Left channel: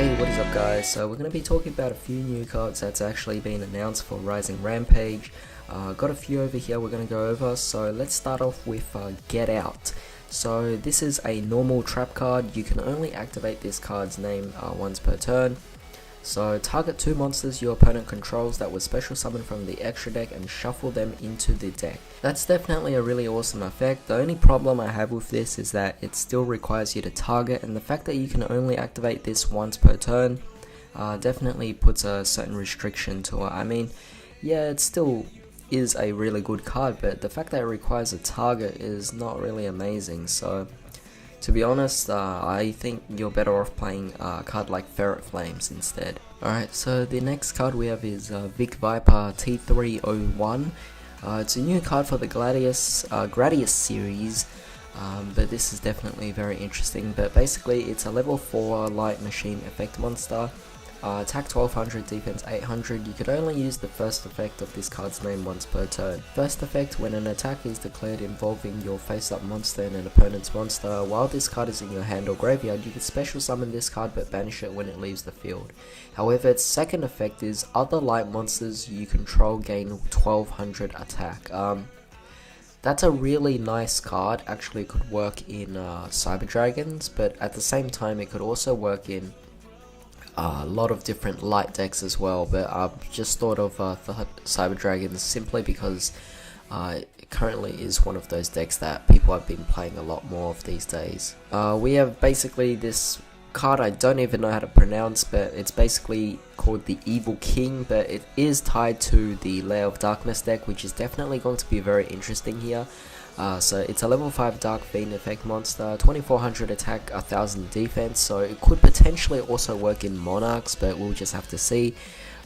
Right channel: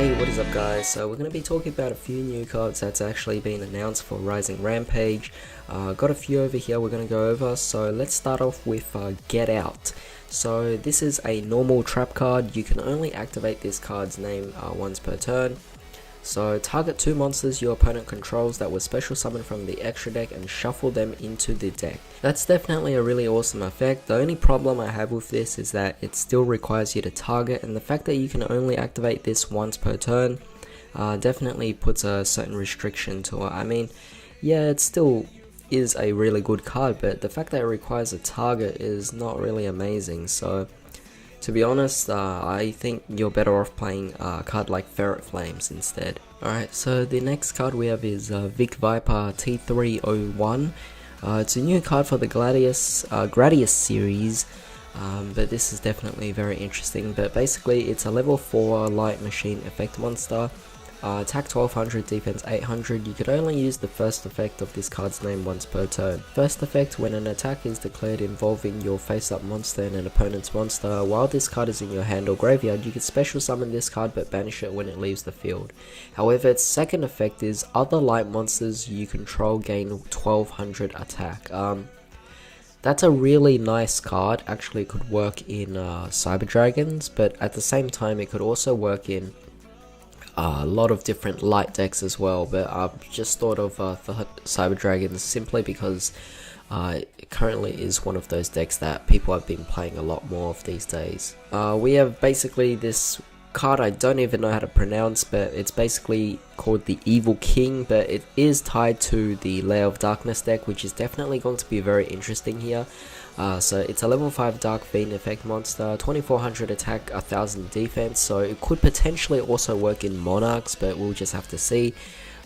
Hey, what is up guys? So we're going to be talking about a few new cards that's actually been announced for Rising Rampage. Got a few over here we're going to go over, so let's start off with Get Out. So this is a normal trap card. You can only activate this card's name once per turn. So target 2 monsters your opponent controls that was special summoned from the extra deck and shuffle them into the deck. That's definitely a really awesome effect. The only problem I have with this is that it still requires you to target, and the fact that you can only activate this once per turn definitely puts a certain restriction to it. I mean, yeah, it still is a really good card, but the fact that it requires a target is not really amazing. So to be honest, I think you're better off playing a card like Ferret Flames instead. Alright, so the next card we have is Vic Viper T301. It's a new card for the Gradius series, but this is definitely very interesting. But basically it's a level 4 light machine effect monster. Attack 1200, defense 800. You could only use the first effect of this card's name once per turn. First effect: when an attack is declared involving your face-up monster and an opponent's monster, while this card is in your hand or graveyard, you can special summon this card but banish it when it leaves the field. However, its second effect is other light monsters you control gain 1200 attack. That's a really nice card. Actually, it could work in Cyber Dragons, but at the same time it could also work in a lot of different light decks as well, but I've just thought of the Cyber Dragons simply because it currently is one of those decks that people have been playing a lot more of these days. We have basically this card I don't even know how to pronounce, but it's basically called the Evil King, but it is tied to the Lair of Darkness deck, which is definitely going to be very interesting here. So it's a level 5 Dark Fiend effect monster, 2400 attack, 1000 defense, so it could potentially also work in Monarchs, but we'll just have to see.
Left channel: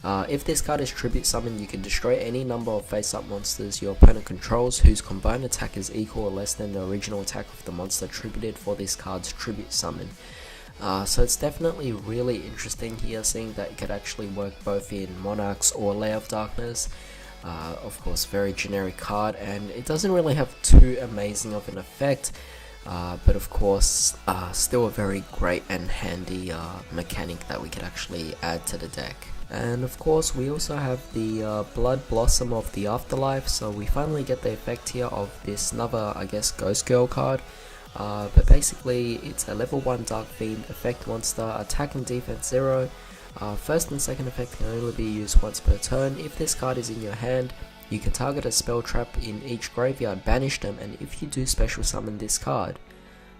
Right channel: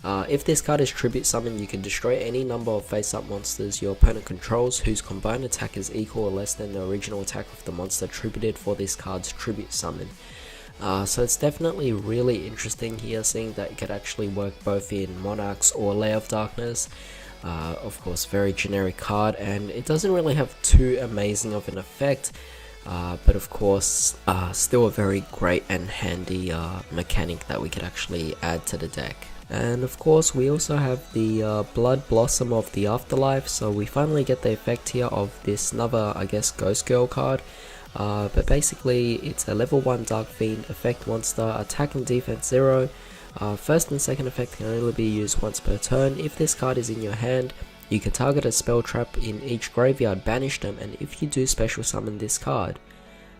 If this card is tribute summoned, you can destroy any number of face-up monsters your opponent controls whose combined attack is equal or less than the original attack of the monster tributed for this card's tribute summon. So it's definitely really interesting here, seeing that it could actually work both in Monarchs or Lair of Darkness. Of course, very generic card, and it doesn't really have too amazing of an effect, but of course still a very great and handy mechanic that we could actually add to the deck. And of course we also have the Blood Blossom of the Afterlife, so we finally get the effect here of this another, I guess, Ghost Girl card. But basically it's a level 1 Dark Fiend effect monster, attack and defense 0. First and second effect can only be used once per turn. If this card is in your hand, you can target a spell trap in each graveyard, banish them, and if you do, special summon this card.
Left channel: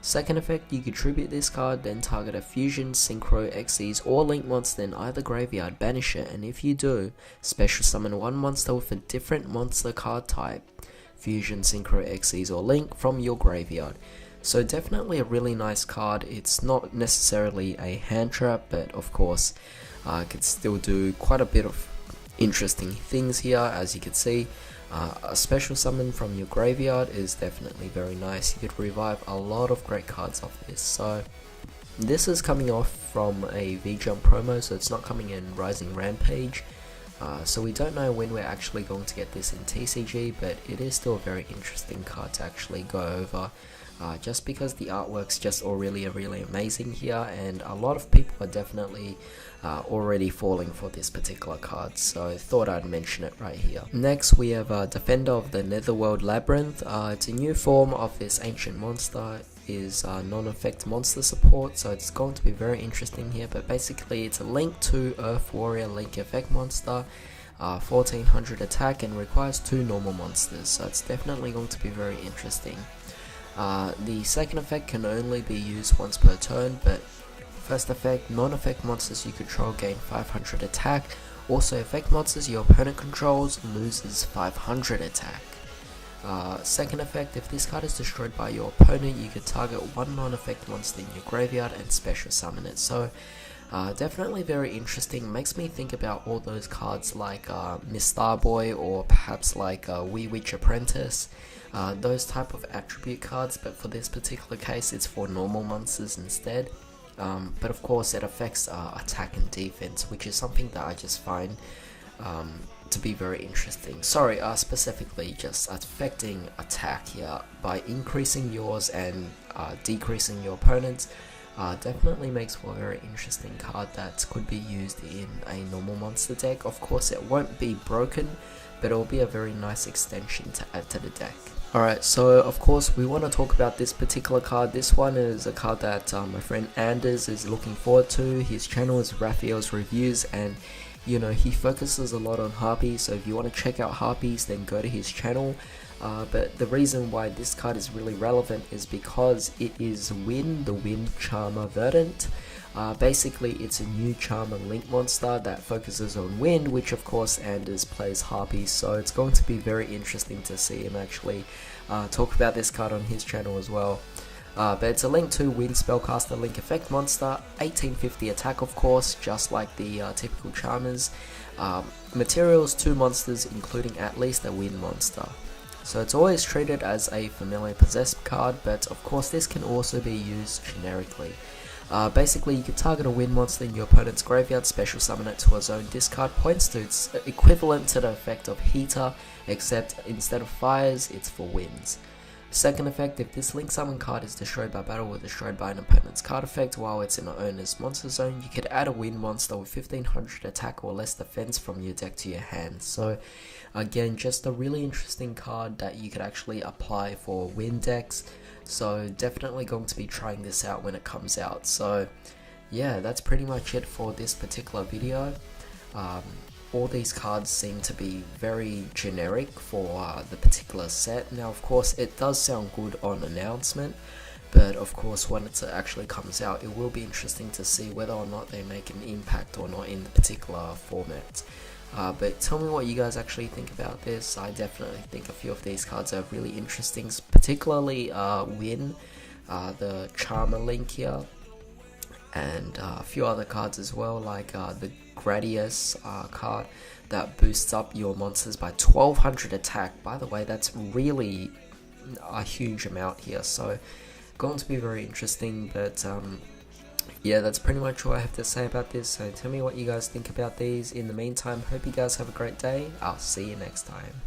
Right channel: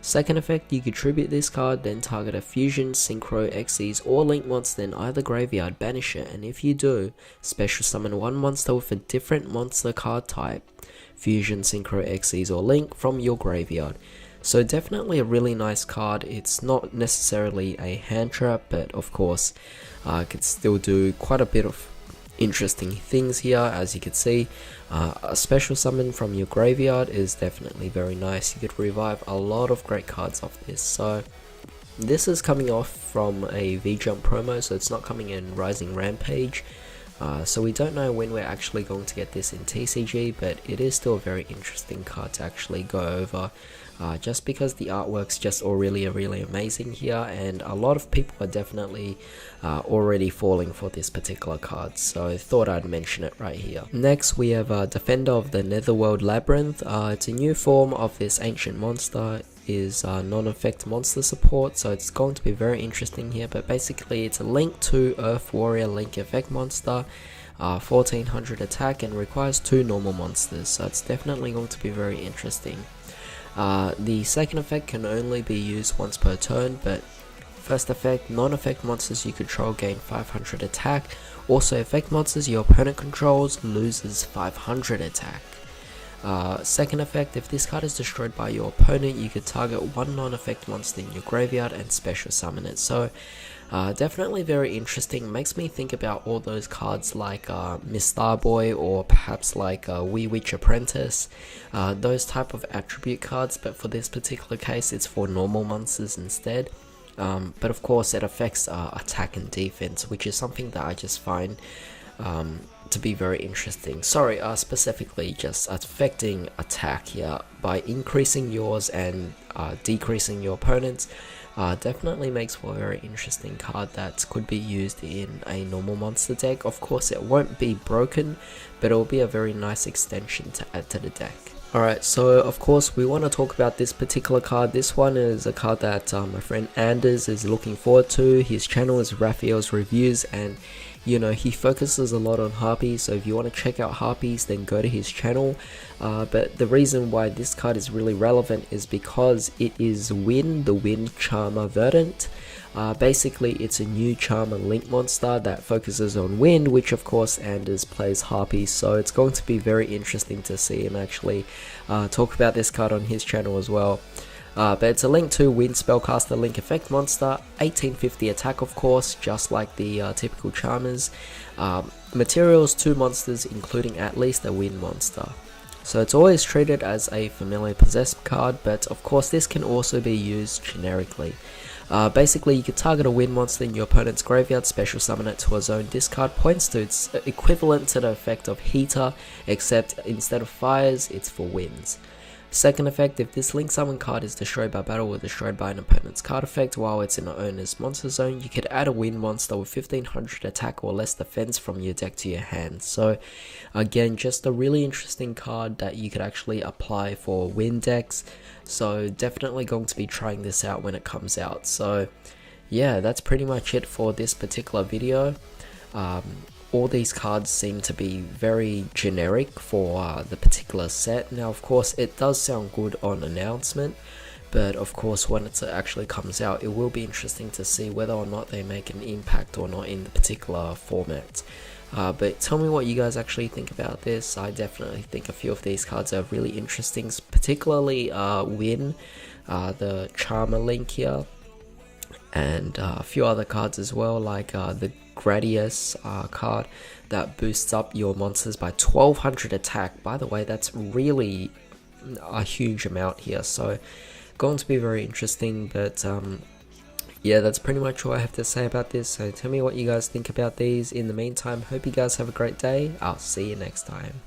Second effect, you can tribute this card, then target a Fusion, Synchro, Xyz, or Link monster in either graveyard, banish it, and if you do, special summon one monster with a different monster card type, Fusion, Synchro, Xyz, or Link, from your graveyard. So definitely a really nice card. It's not necessarily a hand trap, but of course could still do quite a bit of interesting things here. As you can see, a special summon from your graveyard is definitely very nice. You could revive a lot of great cards off this. So this is coming off from a VJUMP promo, so it's not coming in Rising Rampage. So we don't know when we're actually going to get this in TCG, but it is still a very interesting card to actually go over. Just because the artwork's just all really amazing here, and a lot of people are definitely already falling for this particular card, so I thought I'd mention it right here. Next we have Defender of the Netherworld Labyrinth. It's a new form of this ancient monster, is non-effect monster support, so it's going to be very interesting here, but basically it's a Link 2 Earth Warrior Link effect monster, 1400 attack, and requires 2 normal monsters, so it's definitely going to be very interesting. The second effect can only be used once per turn, but first effect, non-effect monsters you control gain 500 attack. Also, effect monsters your opponent controls loses 500 attack. Second effect, if this card is destroyed by your opponent, you can target one non-effect monster in your graveyard and special summon it. So definitely very interesting. Makes me think about all those cards like Miss Starboy, or perhaps like Wee Witch Apprentice, those type of attribute cards, but for this particular case it's for normal monsters instead. But of course it affects attack and defense, which is something that I just find to be very interesting. Sorry, specifically just affecting attack here by increasing yours and decreasing your opponent's. definitely makes for a very interesting card that could be used in a normal monster deck. Of course it won't be broken, but it will be a very nice extension to add to the deck. Alright, so of course we want to talk about this particular card. This one is a card that my friend Anders is looking forward to. His channel is Raphael's Reviews, and you know, he focuses a lot on harpies, so if you want to check out harpies, then go to his channel. But the reason why this card is really relevant is because it is Wynn, the Wynn Charmer Verdant. Basically, it's a new Charmer Link monster that focuses on wind, which of course Anders plays harpies, so it's going to be very interesting to see him actually talk about this card on his channel as well. But it's a Link 2 Wind Spellcaster Link Effect monster, 1850 attack of course, just like the typical Charmers. Materials 2 monsters, including at least a Wind monster. So it's always treated as a familiar possessed card, but of course this can also be used generically. Basically, you can target a Wind monster in your opponent's graveyard, special summon it to a zone, discard points to its equivalent to the effect of Heater, except instead of fires, it's for winds. Second effect, if this Link Summon card is destroyed by battle or destroyed by an opponent's card effect while it's in the owner's monster zone, you could add a Wind monster with 1500 attack or less defense from your deck to your hand. So again, just a really interesting card that you could actually apply for Wind decks. So definitely going to be trying this out when it comes out. So yeah, that's pretty much it for this particular video. All these cards seem to be very generic for the particular set. Now of course it does sound good on announcement, but of course when it actually comes out, it will be interesting to see whether or not they make an impact or not in the particular format. But tell me what you guys actually think about this. I definitely think a few of these cards are really interesting, particularly Wynn, the Charmer Link here, and a few other cards as well, like the Gradius card that boosts up your monsters by 1200 attack. By the way, that's really a huge amount here, so going to be very interesting. But yeah, that's pretty much all I have to say about this. So tell me what you guys think about these. In the meantime, hope you guys have a great day. I'll see you next time.